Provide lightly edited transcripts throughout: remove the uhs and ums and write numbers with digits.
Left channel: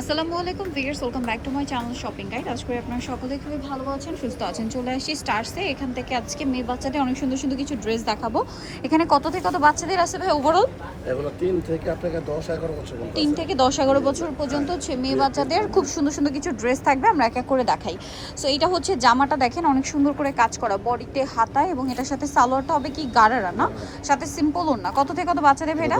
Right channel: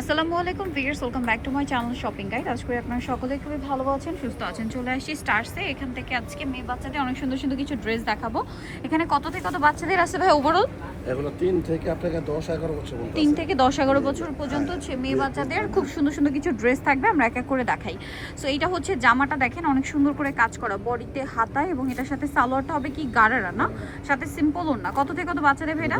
আসসালামু আলাইকুম viewers, welcome back to my channel shopping guide. আজ করে আপনারা সকলে খুবই ভালো আছেন, সুস্থ আছেন। চলে আসি স্টার্সে। এখান থেকে আজকে মেয়ে বাচ্চাদের অনেক সুন্দর সুন্দর কিছু ড্রেস দেখাবো। এখানে কত থেকে কত বাচ্চাদের আছে ভাই ওভারঅল? এগুলো 3 থেকে আপনাকে 10-11 বছর পর্যন্ত 3 থেকে 10-11 বছর পর্যন্ত মেয়ে বাচ্চাদের খুব সুন্দর সুন্দর কিছু ড্রেস থাকবে, আমরা এক এক করে দেখাই। সো এইটা হচ্ছে জামাটা, দেখেন অনেক সুন্দর করে কাজ করা, বডিতে হাতায়, এবং এটার সাথে সালোয়ারটা হবে কি গারারা না, সাথে সিম্পল ওড়না। কত থেকে কত বাচ্চাদের ভাই এটা?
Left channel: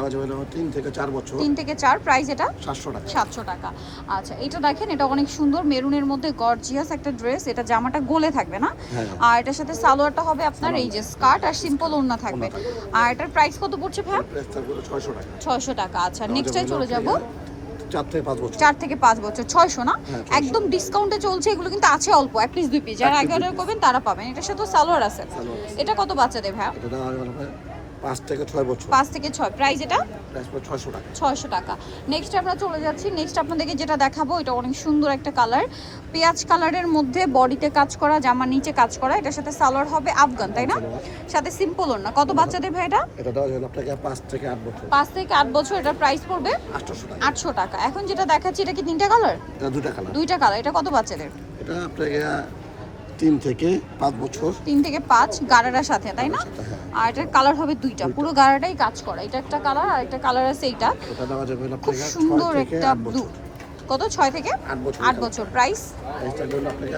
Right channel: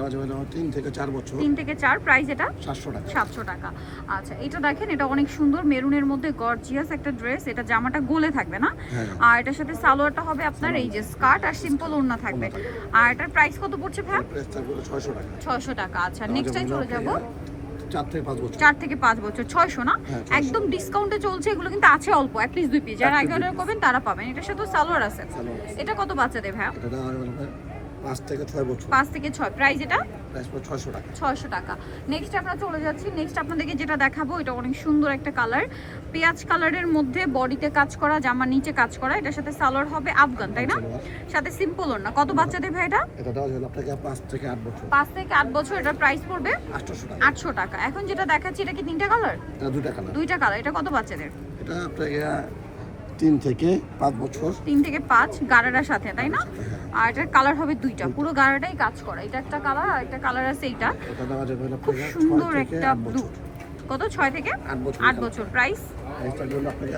3 থেকে 4 বছর। 3 থেকে 4, প্রাইস এটা 700 টাকা। 700 টাকা। আচ্ছা, এটা দেখেন, এটা অনেক সুন্দর মেরুনের মধ্যে গর্জিয়াস একটা ড্রেস। এটা জামাটা গোলে থাকবে না, আর এটার সাথে সালোয়ারটা হবে আপনার এই যে স্কার্ট আর সিম্পল ওড়না থাকবে। আর এটার প্রাইস কত পড়ছে ভাই? প্রাইস থাকবে 600 টাকা। 600 টাকা। আচ্ছা, নেক্সটে চলে যাব। 4 থেকে 5 বছর। 4 থেকে 5 বছর 600 না, একদম ডিসকাউন্টে চলছে এগুলো, কিন্তু আছে অল্প, এক পিস দুই পিস। যারা আগে অর্ডার করবেন তারা পাবেন। এটার সাথে সালোয়ার আছে। এটা কত বাচ্চাদের ভাই? এটা দাম হবে 5 থেকে 6 বছর। 5 থেকে 6, প্রাইস এটা প্রাইস পড়ে 600 টাকা। 600 টাকা। নেক্সট আমরা চলে যাচ্ছি। নেক্সট আপনাদেরকে যেটা দেখাবো, এটা অনেক সুন্দর একটা কালার, পেঁয়াজ কালারের মধ্যে বডিতে কাজ করা, জামার নিচে কাজ করা। এটার সাথে সালোয়ার হবে আফগান, তাই না? সাথে সিম্পল ওড়না। কত বাচ্চাদের ভাই এটা? এটা দাম হলো আপনাকে 5 থেকে 8 বছর। 5 থেকে 8 বছর। এটার প্রাইস পড়বে 800 টাকা। 800 টাকা। এখন যেটা দেখাচ্ছি, এটা কি তিনটা কালার? এটা দুটো কালার। দুইটা কালার। এটা কত বাচ্চাদের? এটা আপনাকে 3 থেকে 5 বছর। 3 থেকে 5 গারারার সাথে, তাই না? আর এটার কালার হবে দুইটা, পুরো গারাটাই কাজ করা। এটা একটা কালার, আর একটা কালার আছে এইটা। এটা দাম যাবে খুব আপনাকে সুন্দর 6 থেকে একটা 8 ব্লু। বছর। কত? 6 থেকে 8 বছর। 8 বছর। প্রাইস প্রাইস থাকবে আপনাকে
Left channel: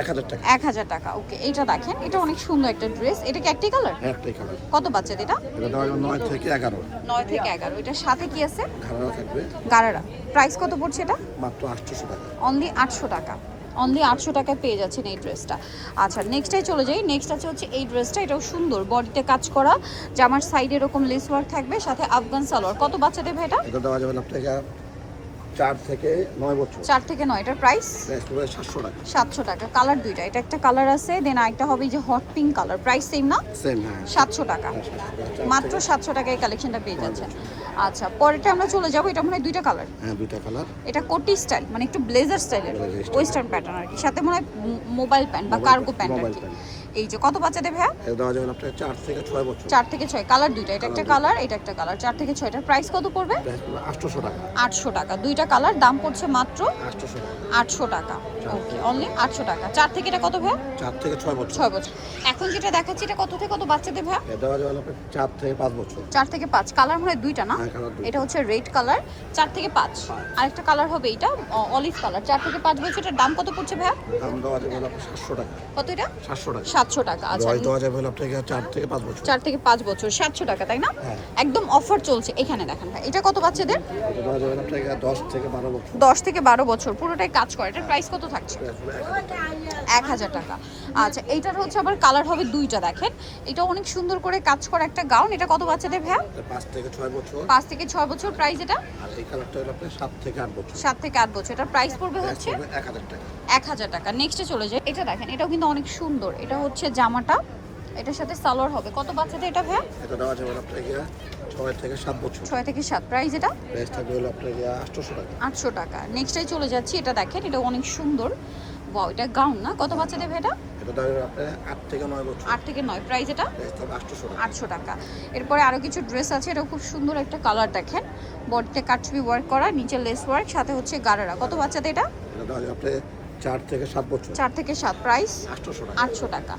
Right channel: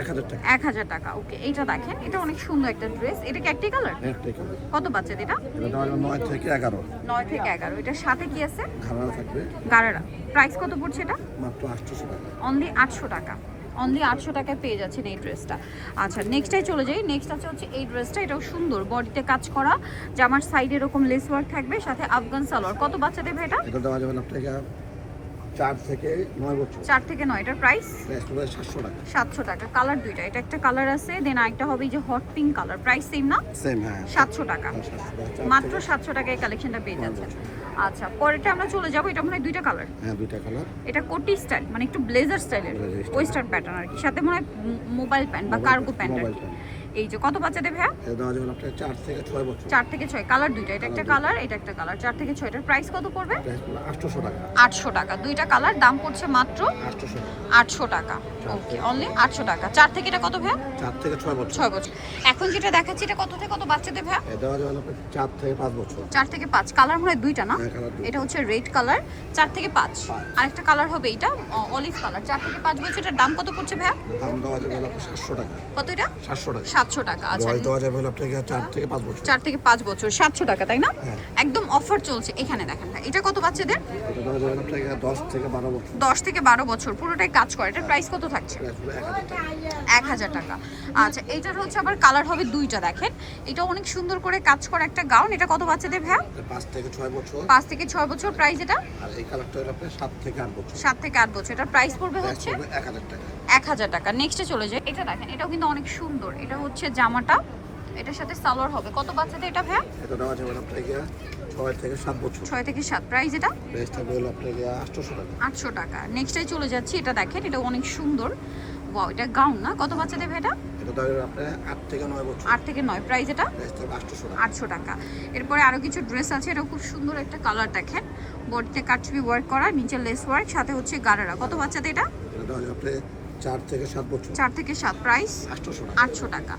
1000 টাকা। 1000 টাকা। ওকে, এইটা দেখেন, এটা অনেক সুন্দর একটা ড্রেস। এটা কি একটাই কালার? একটাই কালার। কত বাচ্চাদের এটা? এটা দাম 9 থেকে 11। 9 থেকে 11। এটার সাথে কি আছে? ঘাড়া থাকবে। গারারা। প্রাইস কত পড়ছে এটা? মাত্র 800 টাকা। অনলি 800 টাকা। অনলি 800 টাকায় পেয়ে যাচ্ছেন এই ড্রেসটা। আচ্ছা, নেক্সটে চলে যাই। নেক্সট আছে হচ্ছে এই ড্রেসটা। এটাও সুন্দর, বডিতে কাজ করা, জামার সাইডে এরকম লেস ওয়ার্ক থাকবে, সাথে আফগান সালোয়ার। কত বাচ্চাদের ভাই এটা? এটা দেওয়া যাবে আপনাকে 4 থেকে 9 বছর। 4 থেকে 9। এটার প্রাইস প্রাইস পড়বে 700 টাকা। 700 টাকা। কালার দুইটা, এটা একটা কালার আছে, দেন আরেকটা হবে এই যে hot pink colour. Price same না? সেম, হ্যাঁ। 700 টাকা। 700 টাকা। মাত্র 700 টাকায় কালেকশনটা পেয়ে যাচ্ছে। আচ্ছা, পরেরটা আমরা চলে যাব। এটা মনে হয় দুইটা কালার। হ্যাঁ, দুইটা কালার। এটা কোটি স্টাইল, মানে একটু ব্লেজার স্টাইলের, ওয়েস্টার্ন প্যাটার্ন আর কি, সাথে মনে হয় মোবাইল প্যান্ট বা কার্গো প্যান্ট আর কি। এই যে কত বাচ্চাদের ভাইয়া? এটা দেওয়া যাবে আপনাকে 4 থেকে 6 বছর। 4 থেকে 6। কালার দুইটা, এটা একটা কালার, এটা একটা কালার। 4 থেকে 6। এটার প্রাইস কত পড়বে? প্রাইস পড়বে 800 টাকা। 800 টাকা। দুইটা কালার, দাম পড়ছে মাত্র 800 টাকা। 800 টাকা। ওকে, অনলি 800 টাকা। 4 থেকে এটা কত ভাইয়া? 4 থেকে 6 বছর। 6 বছর। এখন যেটা দেখাচ্ছি, এটা কত থেকে কত বাচ্চাদের ভাইয়া? এটা দেওয়া যাবে আপনাকে 4 থেকে 5 বছর। 4 থেকে 5। কালার মনে হয় দুইটা না? হ্যাঁ, কালার দুইটা। এটা হচ্ছে রেড কালার, 4 থেকে 5। আরেকটা কালার হবে এটা অলিভ কালার। 4 থেকে 5 বছর। এটার দাম কত পড়ছে ভাইয়া? দাম দেওয়া যাবে আপনাকে 700 টাকা। কত এটা? 700 টাকা। 700 টাকা। আচ্ছা, বয়স দেওয়া যাবে আপনাকে 4 থেকে 5 বছর। 4 থেকে 5 বছর 700 টাকা, তাই না? হ্যাঁ। একদম অফার চলছে। এখানে দেখেন ভাই, এটা কত বাচ্চাদের? এটা দেওয়া যাবে আপনাকে 10 থেকে 12 বছর। 10 থেকে 12 বছর, পুরোটাই কাজ করে। এটার প্রাইস কত থাকছে? প্রাইস পড়বে 1000 টাকা। 1000 টাকা। আচ্ছা, এইটার হচ্ছে আবার কালার হবে দুইটা, দেখেন। এটা অনেক সুন্দর করে কাজ করা একটা গাউন। এটা কত বাচ্চাদের ভাইয়া? এটা 5 থেকে 6 বছর। 5 থেকে 6 বছর। প্রাইস এটা? আর এই কালারটা হলো আপনাকে 7 থেকে 8 বছর। 7 থেকে 8 বছর। এটার প্রাইস পড়বে প্রাইস হচ্ছে পড়বে 1000 টাকা। 1000 টাকা। নেক্সটে চলে যায়। এটা দেখেন, এটাও কিন্তু অনেক সুন্দর। এটা হচ্ছে জামাটা, এটার সাথে সালোয়ার হবে। কত বাচ্চাদের এটা ভাইয়া? এটা দেওয়া যাবে আপনাকে 6 থেকে 7 বছর। 6 থেকে 7। প্রাইস এটা? প্রাইস থাকবে হলো আপনাকে 800 টাকা। 800 টাকা। নেক্সটে চলে যাচ্ছি। এটা দেখেন, এটা অনেক সুন্দর। ওয়াও, এটা গাউন না? কত বাচ্চাদের ভাই এটা? এটা দেওয়া যাবে আপনাকে 8 থেকে 9 বছর। 8 থেকে 9। প্রাইস এটা? প্রাইস থাকবে 800 টাকা। 800 টাকা। এরপরে আরো কিছু ড্রেস আছে। এটা খুব সুন্দর একটা কালার, দেখেন। বডিতে কাটছবি ওয়ার্ক করা, নিচে লেস ওয়ার্ক, সাথে হচ্ছে গারারা। কত বাচ্চাদের এটা? এটা দেওয়া যাবে আপনাকে 4 থেকে 7 বছর। 4 থেকে 7। প্রাইস 800 টাকা। 800 টাকা।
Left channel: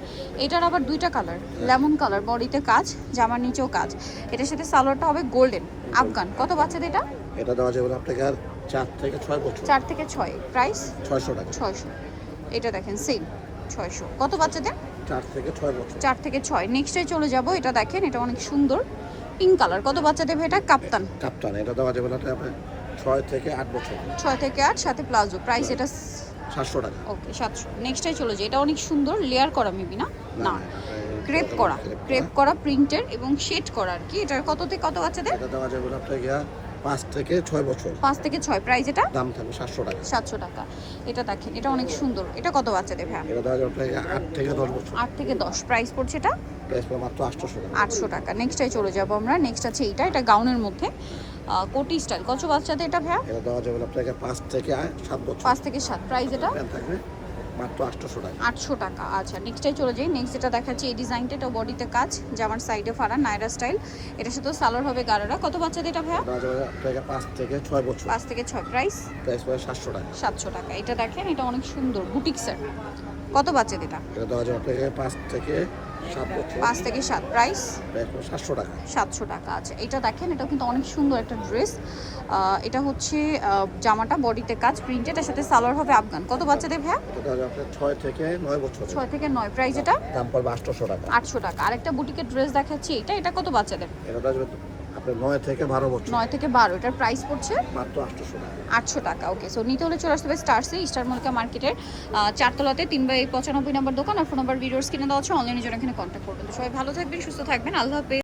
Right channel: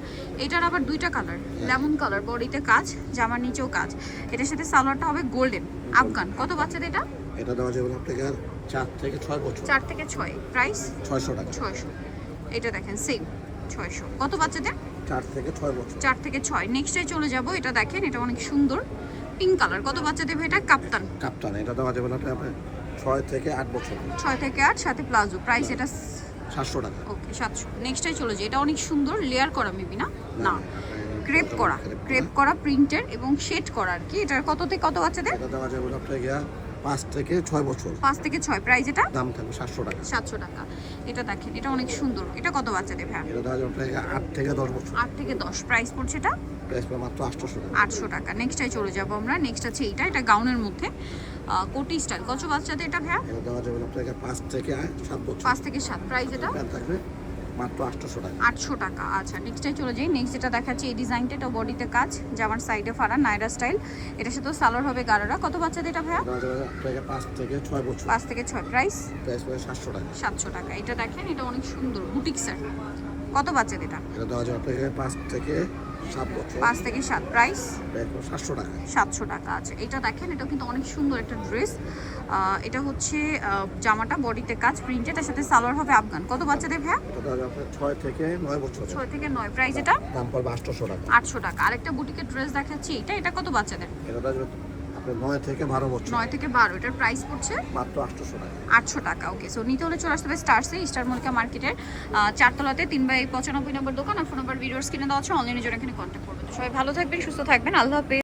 এটার আবার দুইটা কালার, লেমন কালার, বডিতে কাজ, জামার নিচেও কাজ। এটার সাথে সালোয়ারটা হবে গোল্ডেন আফগান। কত বাচ্চাদের এটা? এটা দেওয়া যাবে আপনাকে 4 থেকে 6 বছর। 4 থেকে 6। প্রাইস 600 টাকা। 600। এটা দেখেন সেম 600। কত বাচ্চাদের? 4 থেকে 6 বছর। 4 থেকে 6। নেক্সটে চলে যাব। এটা দেখেন, এটা অনেক সুন্দর পিঙ্ক কালার। কত বাচ্চাদের ভাই এটা? কাপ্তান। কাপ্তান। এটা দেওয়া যাবে আপনাকে 6 থেকে 8 বছর। 6 থেকে 8, সাথে প্লাজো। প্রাইস এটা 700 টাকা। ওকে 700। নেক্সটে চলে যায়। এটা অনেক সুন্দর, লেয়ার করা মেবি না? না, ক্রেপ করা, ক্রেপ করা প্রিন্টের এবং শেড করা আর কি। এটার কত থেকে কত বাচ্চাদের? এটা দেওয়া যাবে আপনাকে 5 থেকে 6 বছর। 5 থেকে 6। প্রাইস এটা? দাম থাকবে 700 টাকা। 700 টাকা। এটা দেখেন, এটা অনেক সুন্দর। এটা কত বাচ্চাদের ভাই? এটা দেওয়া যাবে আপনাকে 8 থেকে 10 বছর। 8 থেকে 10। প্রাইস পড়ছে এটা? প্রাইস পড়বে মাত্র 800 টাকা। 800 টাকা। নেক্সটে চলে যাব আমরা। নেক্সট আছে এটা গাউনের মধ্যে কোটি স্টাইল। কত বাচ্চাদের এটা ভাইয়া? এটা দেওয়া যাবে আপনাকে 5 থেকে 7 বছর। 5 থেকে 7। প্রাইস এটা? প্যান্ট থাকবে মাত্র 800 টাকা। 800 টাকা। আচ্ছা নেক্সটটাই চলে যাই। নেক্সট যেটা দেখাচ্ছি এই ডিজাইনটা, এটা বডিতে কাজ, জামার সাইডে ফাড়া নাইরা স্টাইল। এটার সাথে সালোয়ার হবে গারারা। কত বাচ্চাদের এটা ভাইয়া? এটা যাবে আপনাকে 5 থেকে 6 বছর। 5 থেকে 6। প্রাইস প্রাইস পড়ে 700 টাকা। 700 টাকা। এটা দেখেন, এটা অনেক সুন্দর বুটিক্সের। কত বাচ্চাদের এটা? এটা দেওয়া যাবে আপনাকে 5 থেকে 7 বছর। 5 থেকে 7। প্রাইস প্রাইস পড়ে 700 টাকা। 700 টাকা। আচ্ছা এটা দেখেন, এটা কিন্তু অনেক সুন্দর একটা ড্রেস। এটা হচ্ছে জামাটা বডিতে কাজ প্রিন্টেড, এর সাথে সালোয়ার হবে আফগান। কত বাচ্চাদের ভাইয়া? এটা দেওয়া যাবে আপনার 6 থেকে 9 বছর। 6 থেকে 9। প্রাইস এটা দাম পড়বে 800 টাকা। 800 টাকা। আরেকটা বুটিকের ড্রেস দেখাচ্ছি, এটা কত বাচ্চাদের? এটা দেওয়া যাবে আপনার 9 থেকে 12 বছর। 9 থেকে 12। এটার প্রাইস পড়ছে মাত্র 800 টাকা। 800 টাকা। ওকে, সো নিতে হলে চলে আসতে হবে স্টারসে, স্টার মল্লিকা মার্কেটের 4 তলাতে 3/95 নম্বর দোকান। আর ফোন নাম্বার ভিডিওস কিনে দেওয়া আছে, অনলাইনে জন্য এখানে কন্ট্যাক্ট করবেন। তো সবাই ভালো থাকবেন, সুস্থ থাকবেন, আল্লাহ হাফেজ।